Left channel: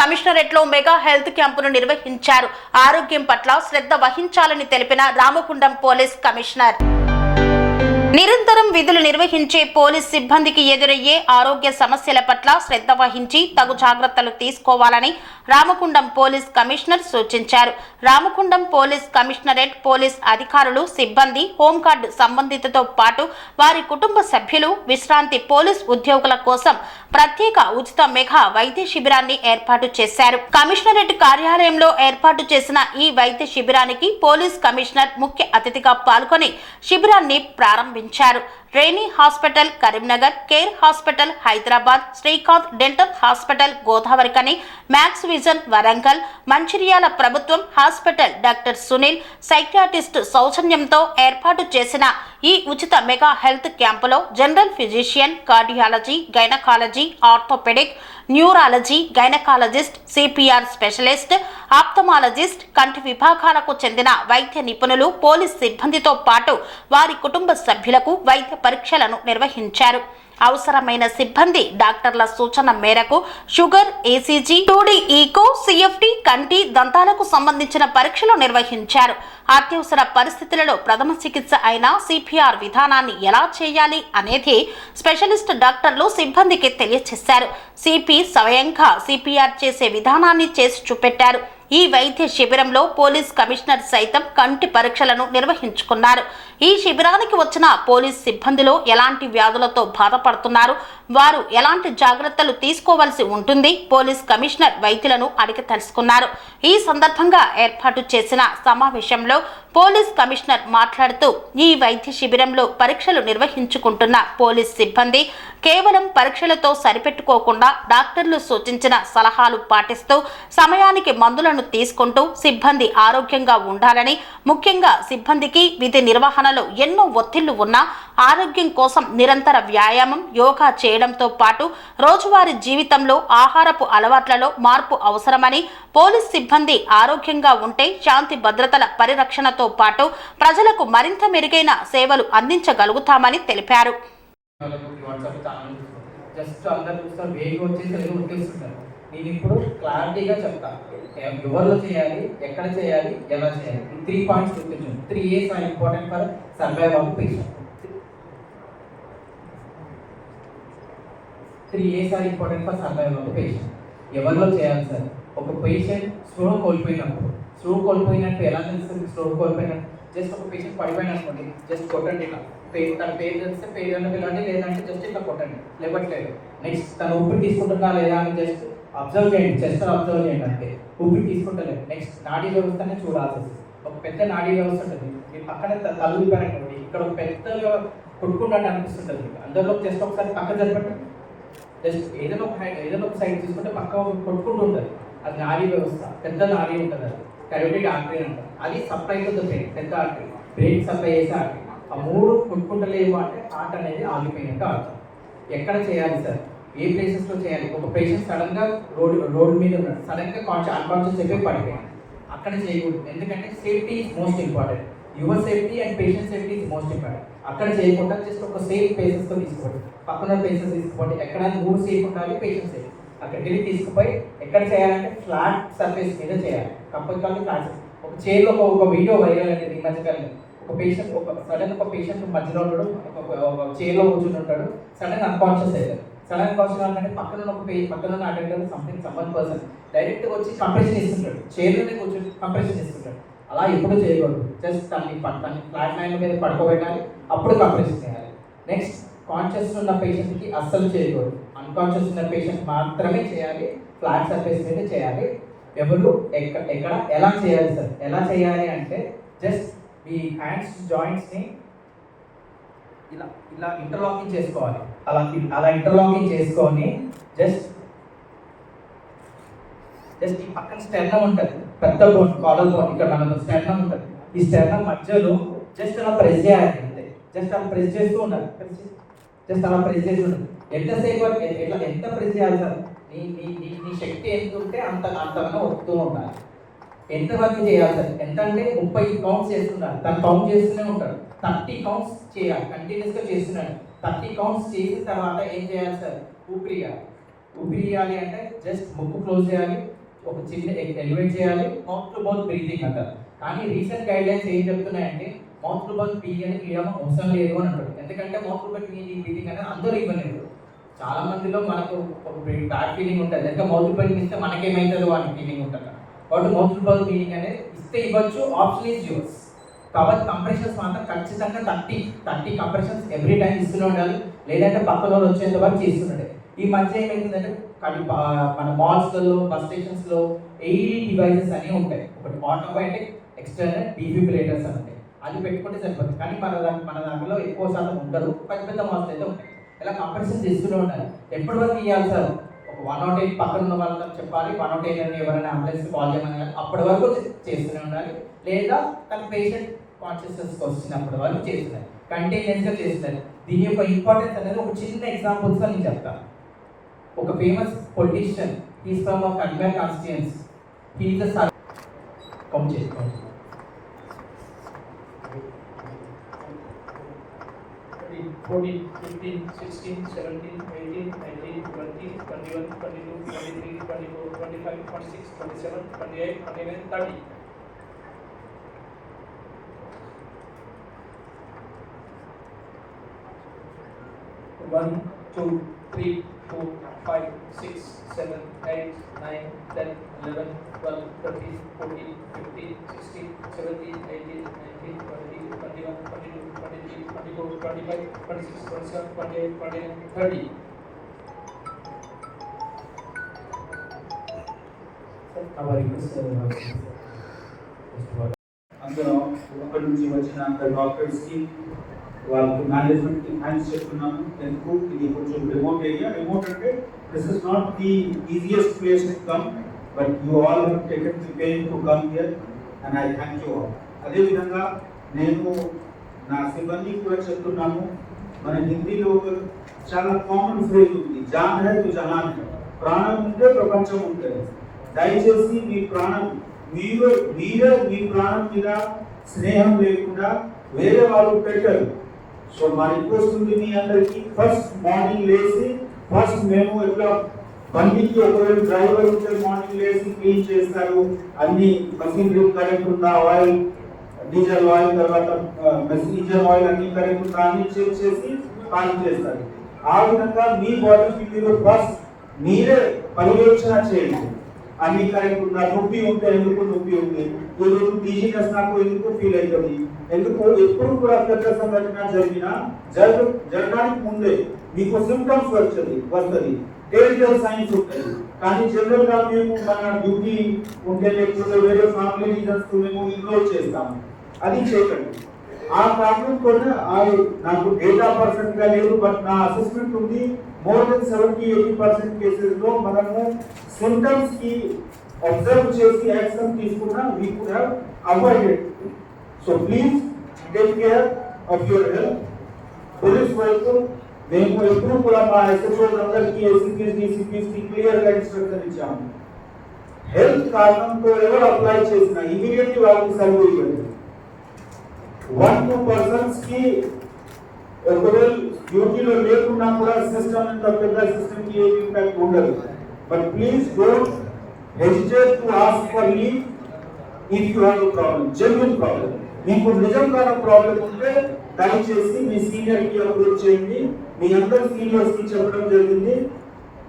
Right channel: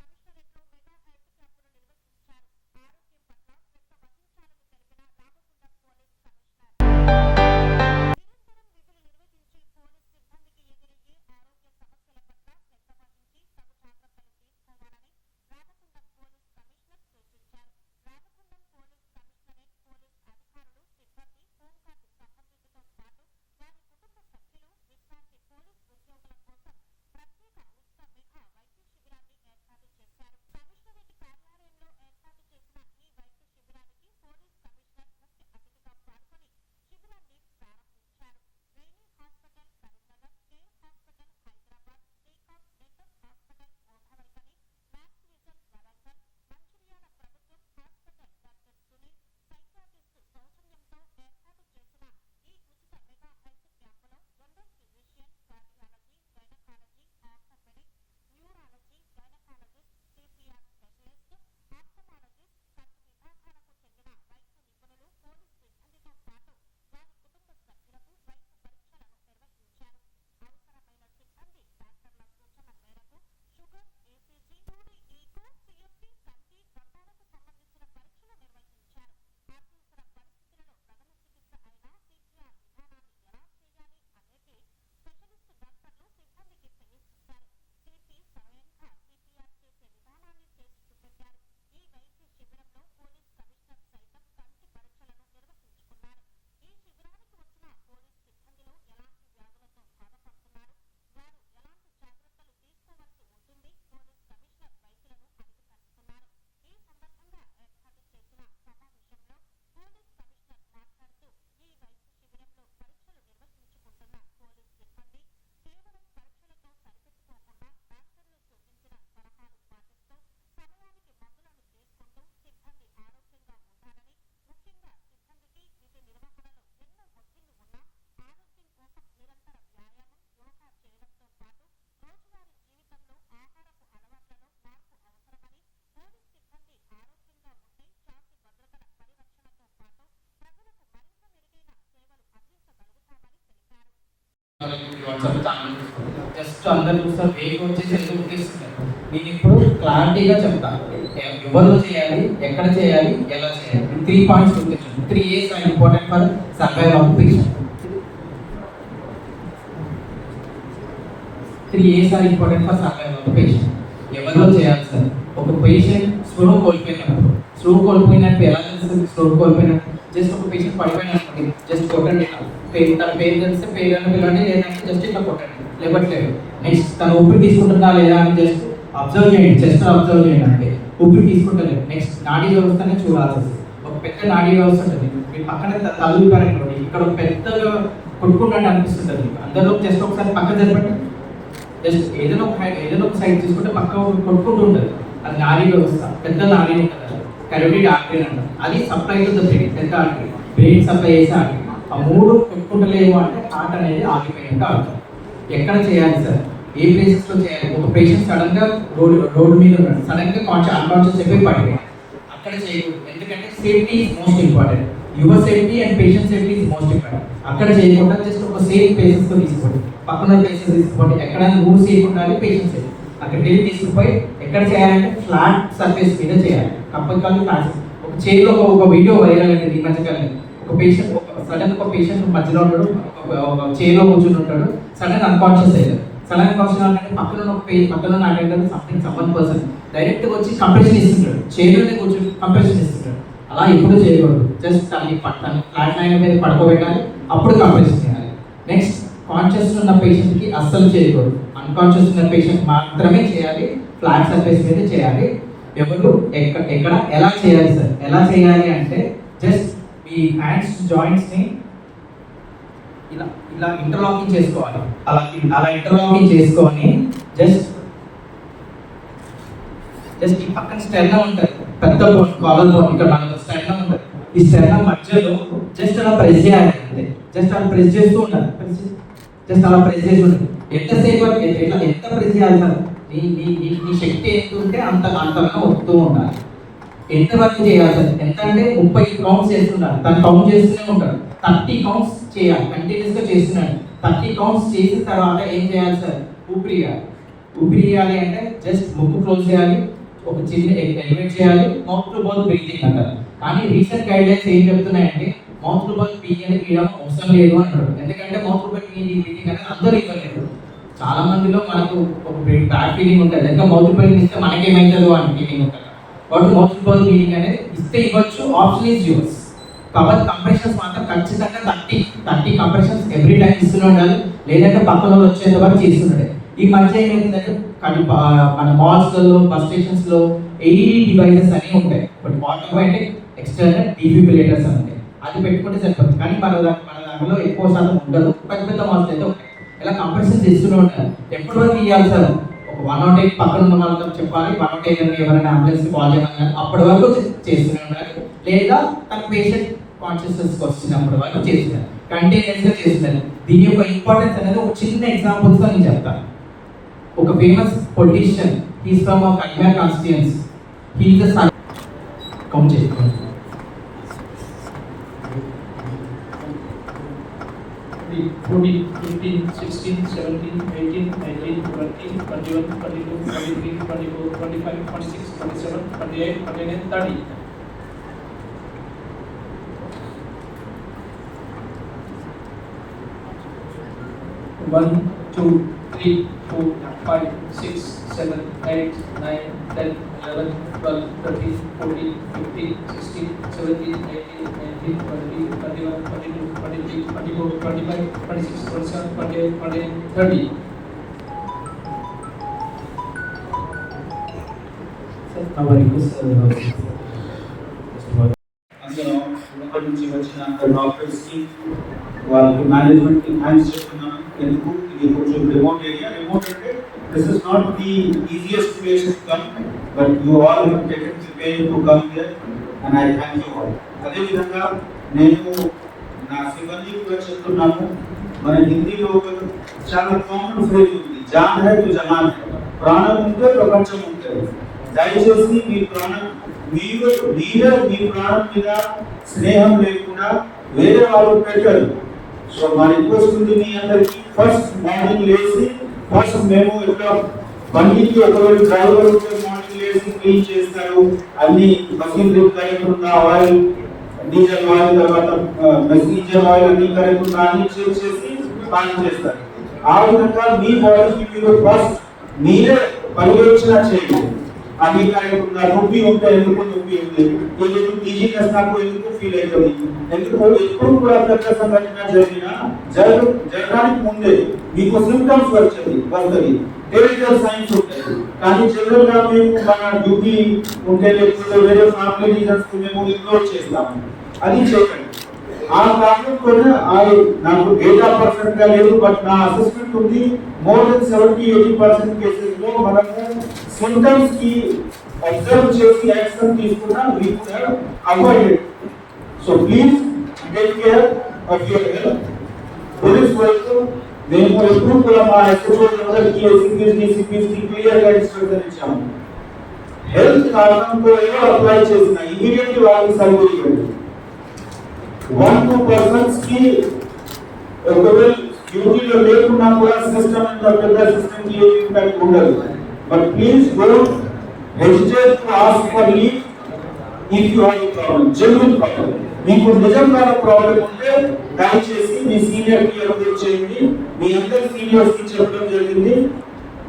Commissionerate లో mega health క్యాంపును నిర్వహించారు. ఆరోగ్యం పట్ల శ్రద్ధ వహించాలని తెలిపిన రామగుండం పోలీస్ కమిషనర్. నిరంతరం విధులు నిర్వహించే పోలీస్ సిబ్బందికి ఎదురయ్యే ఆరోగ్య సమస్యల పట్ల శ్రద్ధ వహించి తగు జాగ్రత్తలు తీసుకోవాలని రామగుండం పోలీస్ కమిషనర్ సూచించారు. రామగుండం పోలీస్ కమిషనరేట్ పోలీస్ అధికారులు, సిబ్బంది, హోంగార్డు సంబంధితతో పాటు వారి కుటుంబ సభ్యులు, విశ్రాంతి పోలీస్ ఉద్యోగుల కోసం ప్రత్యేక ఉచిత మెగా వైద్య శిబిరాన్ని ఏర్పాటు చేశారు. కమిషనరేట్ కార్యాలయంలో ఏర్పాటు చేసిన ఈ వైద్య శిబిరానికి పోలీస్ కమిషనర్ ముఖ్య అతిథిగా పాల్గొని శిబిరాన్ని ప్రారంభించారు. Reni hospital Karimnagar, Care hospital Hyderabad, Srikanth dental hospital Godavarikhani, Max Vision Warangal, Mancherial ప్రభుత్వం హాస్పిటల్ డాక్టర్ సునీల్ సైకియాట్రిస్ట్ సౌజన్యంతో ఏర్పాటు చేసిన ఈ ఉచిత మెగా హెల్త్ క్యాంపులో general physician, cardiology, gynaecology, orthopaedic, neurology, gynaecologist, CPR specialist, ophthalmologist, కంటి విభాగాలకు చెందిన వైద్య నిపుణులు, పోలీస్ సిబ్బందితో పాటు వారి కుటుంబ సభ్యులకు వైద్య పరీక్షలను నిర్వహించారు. అవసరమైన సిబ్బంది డాక్టర్ల సూచన మేరకు sugar, ACG, 2D eco, CFT, కంటి, దంతాలకు సంబంధించిన పరీక్షలు నిర్వహించారు. అత్యవసర పరిస్థితులలో ప్రథమ చికిత్స అయిన సిపిఆర్ విధానాన్ని ఎలా చేయాలి అనేది స్పెషలిస్ట్ డాక్టర్లు సిబ్బందికి తెలియజేశారు. సిపి స్వయంగా సిపిఆర్ చేసే విధానాన్ని చేసి చూపెట్టారు. ఈ వైద్య శిబిరంలో పోలీస్ కమిషనర్ సైతం కంటి పరీక్షలను నిర్వహించుకున్నారు. ఈ శిబిరానికి వచ్చిన పోలీస్ సిబ్బందిలో ఎలాంటి వ్యాధులతో బాధపడుతున్నారు, వారు ఎలాంటి జాగ్రత్తలు తీసుకోవాల్సి ఉంటుంది, పోలీస్ కమిషనర్ వైద్యులను అడిగి తెలుసుకున్నారు. ఈ సందర్భంగా ఏర్పాటు చేసిన సమావేశంలో పోలీస్ కమిషనర్ మాట్లాడుతూ, ఈ వైద్య శిబిరంలో పరీక్షలు నిర్వహించుకుంటున్న పోలీస్ సిబ్బంది కేవలం పరీక్షలతో సరిపెట్టుకోకుండా డాక్టర్లు సూచించిన సలహాలు పాటిస్తూ సమయానికి మందులను తీసుకుంటూ సిబ్బంది ఆరోగ్యంగా ఉండాలని, ముఖ్యంగా సిబ్బందికి విధి నిర్వహణలో ఎన్నో ఒత్తిళ్లు ఉన్నా ఆరోగ్యం కోసం నిరంతర వ్యాయామం, యోగా చేయడంతో పాటు రోజువారీ జీవితంలో ఆహారపు అలవాట్లలో మార్పు అవసరమని, పోలీస్ సిబ్బంది ఆరోగ్యంగా ఉంటే శాంతి భద్రతల పరిరక్షణతో పాటు ప్రజలకు మరింత మెరుగైన సేవలు అందించగలుగుతామని తెలిపారు. నేను ఇప్పుడు క్లారిటీగా చెప్తాను, ఎవరు చేయాలి, ఎక్కడ చేయాలి, ఎలా చేయాలి. 3 పాయింట్స్ గుర్తించండి. 3 A's are important for survival of patient. 3 A's are important for survival of patient. ఎవరిలో చేయాలి సార్? ఒక పేషెంట్ స్పృహ కోల్పోయినట్టు ఎలా తెలుస్తుంది? స్పృహ కోల్పోయినట్టు జస్ట్ ఒక పేషెంట్ పడిపోయిన అనుకోండి, జస్ట్ కొట్టండి. తన పేరు తెలిస్తే పేరు అని పిలవండి, లేదంటే జస్ట్ ఇట్లా కొట్టండి, లేవట్లేదు. నెక్స్ట్ తను ఊపిరి తీసుకుంటున్నా లేదా అని జస్ట్ అబ్జర్వ్ చేయండి, చెస్ట్ అబ్జర్వ్ చేయండి. అంటే ఊపిరి తీసుకుంటలేదు. నెక్స్ట్ నాడీ వ్యవస్థనే చూడాల్సి. ఒక పెద్ద నాడీ వ్యవస్థ ఉంటుంది, మీ పక్కన తల్లిపారనుకోండి, ఇక్కడ ఒక పెద్దగా కొట్టుకుంటే అనిపిస్తుంటుంది. అందరిలో జస్ట్ ఒకసారి పక్క జరపండి. జస్ట్ ఏదైనా ఒక సైడ్ తీసుకుంటే పక్క కొట్టుకుంటూ ఉంటుంది. అది నాడీ వ్యవస్థ, పెద్ద నాడీ ఉంటుంది. అది కరోటిడ్ ఆర్టరీ అంటారు. అది సప్లై టు ద బ్రెయిన్, పెద్ద ఆర్టరీ, బ్రెయిన్ సప్లై చేసే ఆర్టరీ. ఆ 3 కొట్టుకుంటలేవు అంటే హార్ట్ అనేది ఆగిపోయినట్టు అర్థం. ఎక్కడ చేయాలి సార్? ఏ ప్లేసెస్లో చేయాలి? ఒక పేషెంట్ సడన్గా రోడ్డు మీద ఉన్నాడు, సడన్గా అన్కాన్షియస్ అయిపోయి పడిపోయాడు, అక్కడ చేయకూడదు. ఎందుకంటే safety is most important. Your safety and patient safety is most important. అక్కడ చేయకుండా జస్ట్ ఒక సేఫ్ ప్లేసెస్తో తీసుకోండి, పక్కన ప్లేసెస్ తీసుకోండి. ఎక్కడైనా మూవ్ సేఫ్ ఉండాలి, పేషెంట్ సేఫ్. అక్కడికి వెళ్ళి తీసుకుపోయి ఎక్కడ చేయాలంటే ఫ్లాట్ సర్ఫేస్ మీద చేయాలి. Compulsory flat. ఒక చైర్లో ఒక వీడియో వైరల్ అనేది ఈ మధ్యకాలం. ఒక పేషెంట్ సడన్ ఒక పేషెంట్ మధ్యలో ఉంటాడు, ఒక చైర్లో కూర్చుని ఉంటాడు, సడన్ అన్కాన్షియస్ అయ్యారు. సడన్ కాన్షియస్ అంటే పక్కన అటెండర్ సంథింగ్ సమ్మన్ పర్సన్ డైరెక్ట్గా వచ్చి కంప్రెషన్ ఇస్తుంటాడు, చైర్లోనే కూర్చొని కంప్రెషన్ ఇస్తుంటాడు. అలా ఎప్పుడు చేయకూడదు. జస్ట్ తనని ఫ్లాట్ లైన్ మీద పడుకోబెట్టాలి, అప్పుడు కంప్రెషన్ చేయాలి. నెక్స్ట్ కాన్షియస్ ఉన్న పేషెంట్కి అస్సలు చేయకూడదు. అన్కాన్షియస్ ఉన్న పేషెంట్ మాత్రమే చేయాలి, ఫ్లాట్ సర్ఫేస్ మీద చేయాలి. ఎవరు ఎక్కడ ఎలా చేయాలి సార్? ఎలా చేయాలి అంటే జస్ట్ మీ హ్యాండ్స్ జాయింట్స్ని ఇలా ఇంటర్లాకింగ్ చేసుకోవాలి. అలా ఇంటర్లాకింగ్ చేసుకొని జస్ట్ ఈ పక్కన స్టెర్నమ్ ఉంటుంది, పెద్ద కాలర్ బోన్, ఇక్కడ మనకు స్టెర్నమ్ ఉంటుంది. ఈ స్టెర్నమ్ మధ్యలో జస్ట్ అలా ప్రెస్ చేయాలి. అంతే, జస్ట్ అలా ప్రెస్ చేస్తూ ఉండాలి. జస్ట్ అలా ప్రెస్ చేసి ఉండాలి. ఎంతసేపు ఎంత ప్రెస్ చేయాలి సార్? నీ శక్తి ఎంత ఉంటే అంతగా వస్తూ ఉండాలి. ఎంతవరకు చేయాలి సార్? ఎంత అంటే 30 కౌంట్స్ చేస్తున్నాడు, తను కౌంట్ చేస్తూనే ఉంటాడు. 30 కౌంట్స్ చేయాలి, కంటిన్యూస్గా చేస్తున్నాడు. 30 కౌంట్స్ చేసిన తర్వాత ఏం చేయాలి సార్? ఊపిరి ఇవ్వాలి అంటే జస్ట్ ముక్కు క్లోజ్ చేయాలి, ఒక చిన్న ఎలివేట్ చేయాలి, మౌత్ టు మౌత్ బ్రీతింగ్ అంటారు. కానీ రీసెంట్ గైడ్లైన్స్ ఏం చెప్తున్నాయంటే మౌత్ టు మౌత్ తీయడం అవసరం లేదు అని అంటారు. ఎందుకంటే మౌత్ టు మౌత్ బ్రీతింగ్ అనేది అందరూ ఇవ్వలేదు. చాలా మందిలో మనకు ఒక బ్యాడ్ ఫీలింగ్ ఉంటుంది, ఇంకా మౌత్ టు మౌత్ ఇస్తే మనకేమైతుందో అని ఫీలింగ్ ఉంటుంది. కాబట్టి మౌత్ టు మౌత్ బ్రీతింగ్ అనేది ఇస్తే ఇవ్వచ్చు, ఆప్షన్ ఈజ్ యూస్. కాబట్టి కంప్రెషన్స్ మాత్రం ఖచ్చితంగా 30 కంప్రెషన్స్ ఎవ్రీ టైం ఇస్తూనే ఉండాలి, లేదంటే పక్కన వాళ్ళు వచ్చేంత వరకు చేస్తుండే. ఈ మధ్య ఏమైందంటే మన మాల్స్లలో, బస్ స్టేషన్స్లో AED డివైసెస్ అన్నీ ఉంటాయి. ఒకటి ఆటోమేటిక్ ఎక్స్టర్నల్ డిఫిబ్రిలేటర్స్ అని ఉంటాయి, అది పెట్టుకుంటే సరిపోతుంది. కానీ మన దాంట్లో ఎక్కువ శాతం ఉండదు, పెద్ద మాల్స్ అయితే ఉంటాయి. ఇలా కంప్రెషన్స్ ఇస్తూనే ఉంటారు. ఎప్పటి వరకు ఇవ్వాలి సార్? ఒక 108 పక్కన ఉన్న వాళ్ళతో చెప్పాలి, 108 అని ఎవరైనా అంబులెన్స్ కాల్ చేయమని అప్పటి వరకు చేస్తూనే ఉండాలి, లేదా తన పేషెంట్ కాన్షియస్నెస్కి వచ్చినప్పటి వరకు చేస్తున్నారు, కంటిన్యూస్గా చేస్తున్నారు. దీని యొక్క ఇంపార్టెన్స్ అనేది ఒక చిన్న ఎగ్జాంపుల్స్తో నేను చెప్తాను. ఒక ఫేమస్ పొలిటీషియన్, హీస్ ఫ్రమ్ కన్మేర్ constituency, he is the son. Count చేసుకోండి. 14, 15, 16, 17, 18, 19, 20, 21, 22, 23, 24, 25, 26, 27, 28, 29, 30. One, two, three, four, 5, 6, 7, 8, 9, 10, 11, 12, 13, 14, 15, 16, 17, 18, 19, 20, 21, 22, 23, 24, 25, 26, 27, 28, 29, 30. అందులో ఉన్నప్పటి నుంచి వచ్చిన డాక్టర్స్కి వాళ్ళకి మేనేజ్మెంట్కి థ్యాంక్స్ చెప్తున్నాను. ఎందుకు ఇది కొంచెం రిమోట్ ఏరియా. రిమోట్ అంటే this is not the easiest place to come, but you all have taken the pain to come here and I thank you all. అదేవిధంగా నేను నా సిబ్బందికి కూడా చెప్తున్నాను, మన హిందీలో చాలా కామన్ ఫ్రేజ్ ఉంది, జాన్ హై తో జహాన్ హై. ప్రాణం ఉంటే ప్రపంచం ఉంటుంది. దయచేసి మీ ప్రాణం మీరే మీ ప్రాణం మీద స్నేహం లేకుండా వేరే వాళ్ళు పెట్టరు. సో మా రిక్వెస్ట్ ఉంది మీ అందరికి, ఫస్ట్ మార్నింగ్ లేచి ఫస్ట్ మేము ఎట్లా బండికి ఒకవేళ డ్రైవర్ ఉంటే మార్నింగ్ లేచి క్లీన్ చేస్తారు, అన్ని మషినరీ కరెక్ట్ ఉందా, ఆయిల్ డీజిల్ ఆయిల్ తర్వాత మెసీజర్ ఆయిల్ అన్ని కరెక్ట్ ఉందా అన్ని చెక్ చేసి పాలన చేస్తారు. ఆ విధంగా మీ బాడీకి మీరు ఫస్ట్ మీరే పర్యవేక్షణ చేయండి, అన్ని కరెక్ట్ ఉందా, నొప్పి ఉంటే ఎందుకు నొప్పి ఉంది, ఏదో ఈజీనెస్ నాకు ఎందుకు ఫీల్ అవుతుంది, ఎందుకు ఎప్పుడు కూడా పెద్ద సంఘటన జరగడానికి ముందే మీకు సిమ్టమ్స్ వస్తుంది, టెరిటల్ సైన్స్ ఉంటాయి. కానీ జనరల్ గా మేము మన డ్యూటీ ఉంటే లేకపోతే వేరే ఫ్యామిలీ రీజన్స్ మేము ఇగ్నోర్ చేస్తాము, అది చేయకండి. ఆ కారణం కూడా నాకు డేటా పర్సెంట్ గా లేదు, బట్ నా అసెస్మెంట్ ఉంది, మోర్ దెన్ 70-80% కేసెస్ లో మనము సిమ్టమ్స్ కి అబ్జర్వ్ చేసి యాక్షన్ తీసుకున్నా we could have avoided. So please take care of your health. Police వైపు మేము ఎప్పుడు కూడా మా ఎస్ఎస్ఓలందరికీ సిపిఎస్కి క్లియర్ గా ఇన్స్ట్రక్షన్ ఇచ్చాము. హెల్త్ కారణంతో ఎవరు అప్లై చేసినా ఇమీడియట్లీ వాళ్ళకి సర్వే ఇవ్వండి. 1-2 పర్సన్స్ కి ఒకవేళ డ్యూటీలో లేకున్నా కూడా సిస్టమ్ ఇంత పెద్ద సిస్టమ్ కి ఏమి ఇంపాక్ట్ ఉండదు. But please don't hesitate to ask for leave if you have a problem, genuine problem. మీకు నిజంగా ప్రాబ్లం ఉంటే దయచేసి మీ సీనియర్ కి అప్డేట్ చేయండి. మీ అందరి సీనియర్స్ కి చెప్పడం జరిగింది,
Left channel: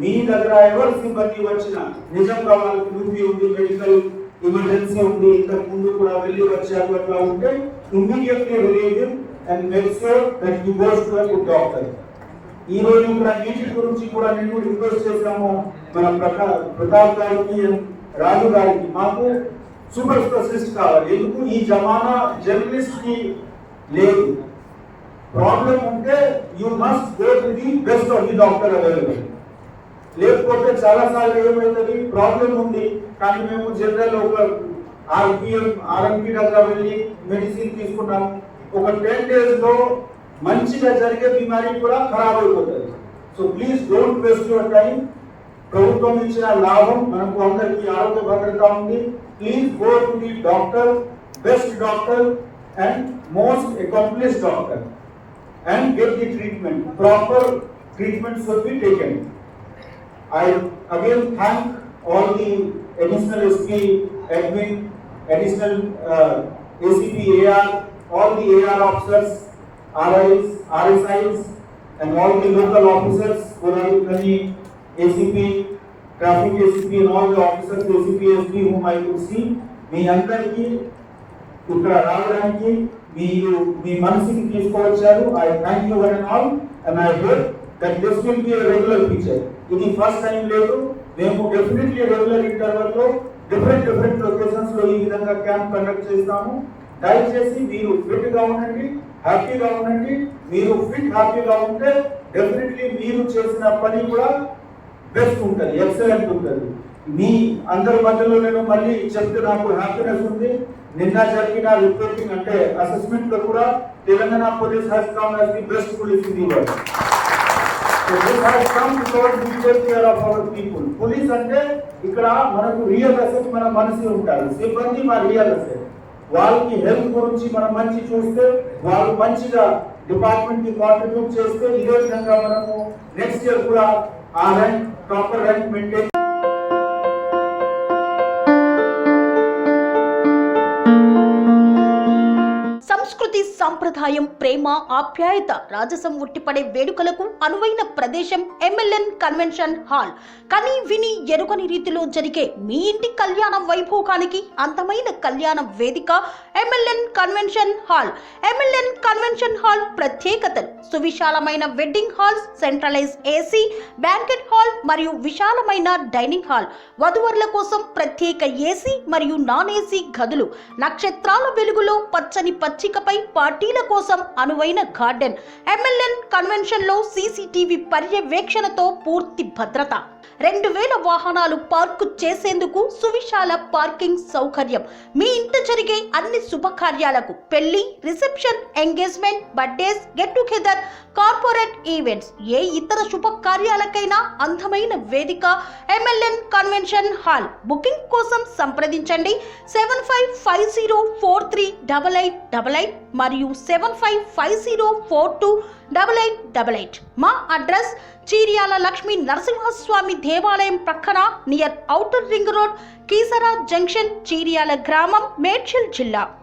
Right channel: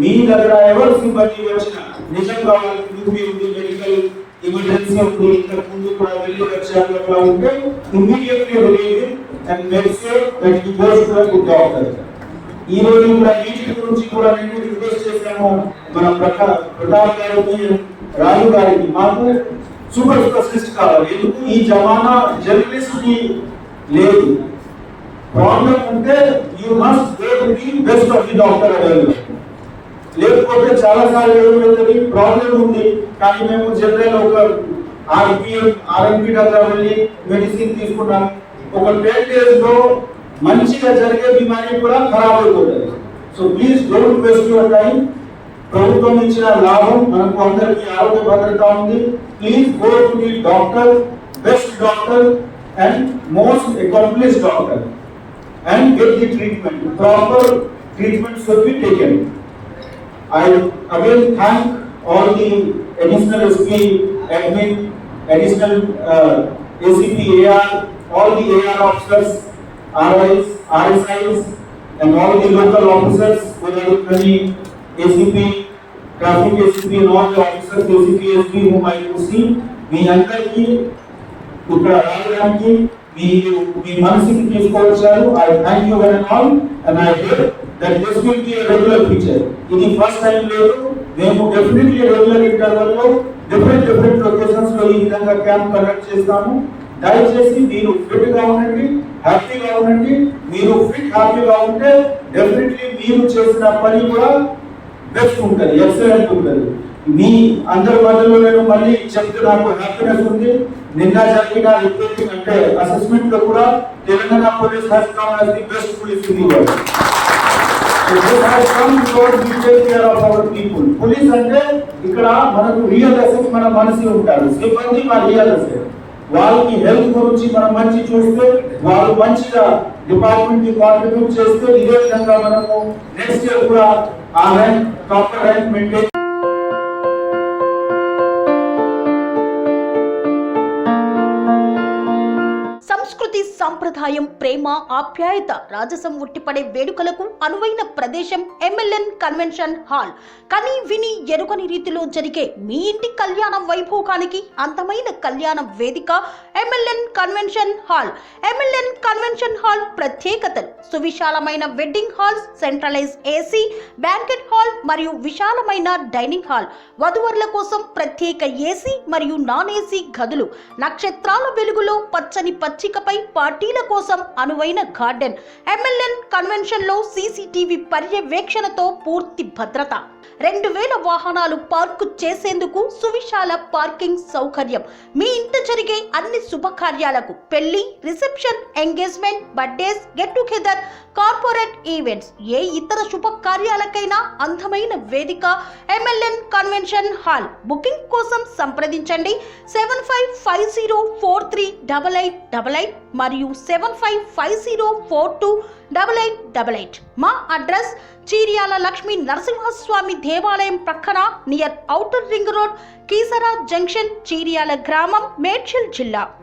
మీ దగ్గర ఎవరు సిబ్బంది వచ్చినా నిజంగా వాళ్ళకి నొప్పి ఉంది, మెడికల్ ఎమర్జెన్సీ ఉంది, ఇంతకు ముందు కూడా వెళ్ళి వచ్చాక అట్లా ఉంటే immediately relieve and make sure that you go to a good doctor. ఈ రోజు కూడా వీటి గురించి కూడా నేను రిక్వెస్ట్ చేశాము మన ప్రతాప్ గారికి, రాజు గారికి, మాకు సూపర్ స్పెషలిస్ట్ కావాలి. ఎందుకు ఈ జమానా జర్నలిస్ట్ కి లేదు. ప్రాబ్లం ఉంటే you must go to the best of the doctor available. లేకపోతే చాలా సార్లు ఏమవుతుంది, ప్రాబ్లం ఉంది కానీ మేము జనరల్ ఒక ఆర్ఎంపీ దగ్గర వెళ్ళి మెడిసిన్ తీసుకున్నాము, ఒక 10 days లో మంచిగా జరిగే బిమారీ కూడా ఖరాబ్ అయిపోతుంది. So please don't waste your time. ప్రభుత్వం ఇచ్చిన లాభం మనకు అందరికీ ఆరోగ్య భద్రత ఉంది. Please go to the doctor, best doctor and most accomplished doctor and get the treatment. Proper treatment should be taken. I again thank all the additional SP admin, additional ACP AR, all the AR officers, RIs, RSIs, and all the local officers, Kodalukani, ACP, traffic ACP, and all the officers, ACP, SP, whom I could see, మీ అందరికీ ఇక్కడ రావడానికి మీ మనసుకి తీసుకొచ్చారు. I thank you one and all, and I hope that this will be a regular feature. ఇది first time లేదు, మేము definitely regular interval లో different locations లో ఈ విధంగా క్యాంప్ కండక్ట్ చేస్తాము. దయచేసి మీరు ఫిట్ గా ఉండండి, హ్యాపీగా ఉండండి. మీరు ఫిట్ హ్యాపీగా ఉంటే డెఫినెట్లీ మీరు చేసిన పని కూడా బెస్ట్ ఉంటుంది, ఎక్సలెంట్ ఉంటుంది. మీ అందరి మధ్యలో నేను మళ్ళీ చెప్తే నాకు హ్యాపీనెస్ ఉంది. నిన్న జరిగిన రిపోర్టింగ్ అంటే అసెస్మెంట్ లో కూడా Telangana police has come as the best police in the world. So this has come because we take care of our people. Police అంటే ఇక్కడ మనకు రియల్ అసెట్ మన మనిషి ఉంటారు, సిబ్బంది మా రియల్ అసెట్. వాళ్ళకి హెల్త్ గురించి మనం మంచి చూస్తే, వాళ్ళు మంచిగా డిపార్ట్మెంట్ కి కాంట్రిబ్యూట్ చేస్తే, ఇదే విధంగా మనము నెక్స్ట్ ఇయర్ కూడా ఆ ర్యాంక్ ప్రాపర్ ర్యాంక్ మెయింటైన్. సంస్కృతి సంప్రదాయం, ప్రేమ, ఆప్యాయత, రాజసం ఉట్టిపడే వేడుకలకు అనువైన ప్రదేశం MLN కన్వెన్షన్ హాల్. కని విని ఎరుగని రీతిలో జరిగే మీ ఇంటి కళ్యాణ వైభోగానికి అందమైన కళ్యాణ వేదిక MLN convention hall. MLN convention hall ప్రత్యేకతలు: సువిశాలమైన wedding halls, centralise AC banquet hall మరియు విశాలమైన డైనింగ్ హాల్, వధువరుల కోసం ప్రత్యేక AC మరియు నాన్ AC గదులు, నక్షత్రాల వెలుగులో పచ్చని పచ్చికపై పార్టీల కోసం అనువైన గార్డెన్. MLN కన్వెన్షన్ లో CCTV పర్యవేక్షణతో పూర్తి భద్రత, 2000 వాహనాలు పార్కు చేసేందుకు సువిశాల పార్కింగ్ సౌకర్యం. మీ ఇంట జరిగే అన్ని శుభకార్యాలకు, పెళ్లి, reception, engagement, birthdays, get together, corporate events, ఏ ఇతర శుభకార్యాలకైనా అందమైన వేదిక MLN కన్వెన్షన్ హాల్. బుకింగ్ కోసం సంప్రదించండి 7550438888 మరియు 7550428888. మా అడ్రస్ చీర్యాల లక్ష్మీ నరసింహస్వామి దేవాలయం ప్రక్కన, near outer ring road, Keesara junction, Cheeryal గ్రామం, మేడ్చల్ జిల్లా.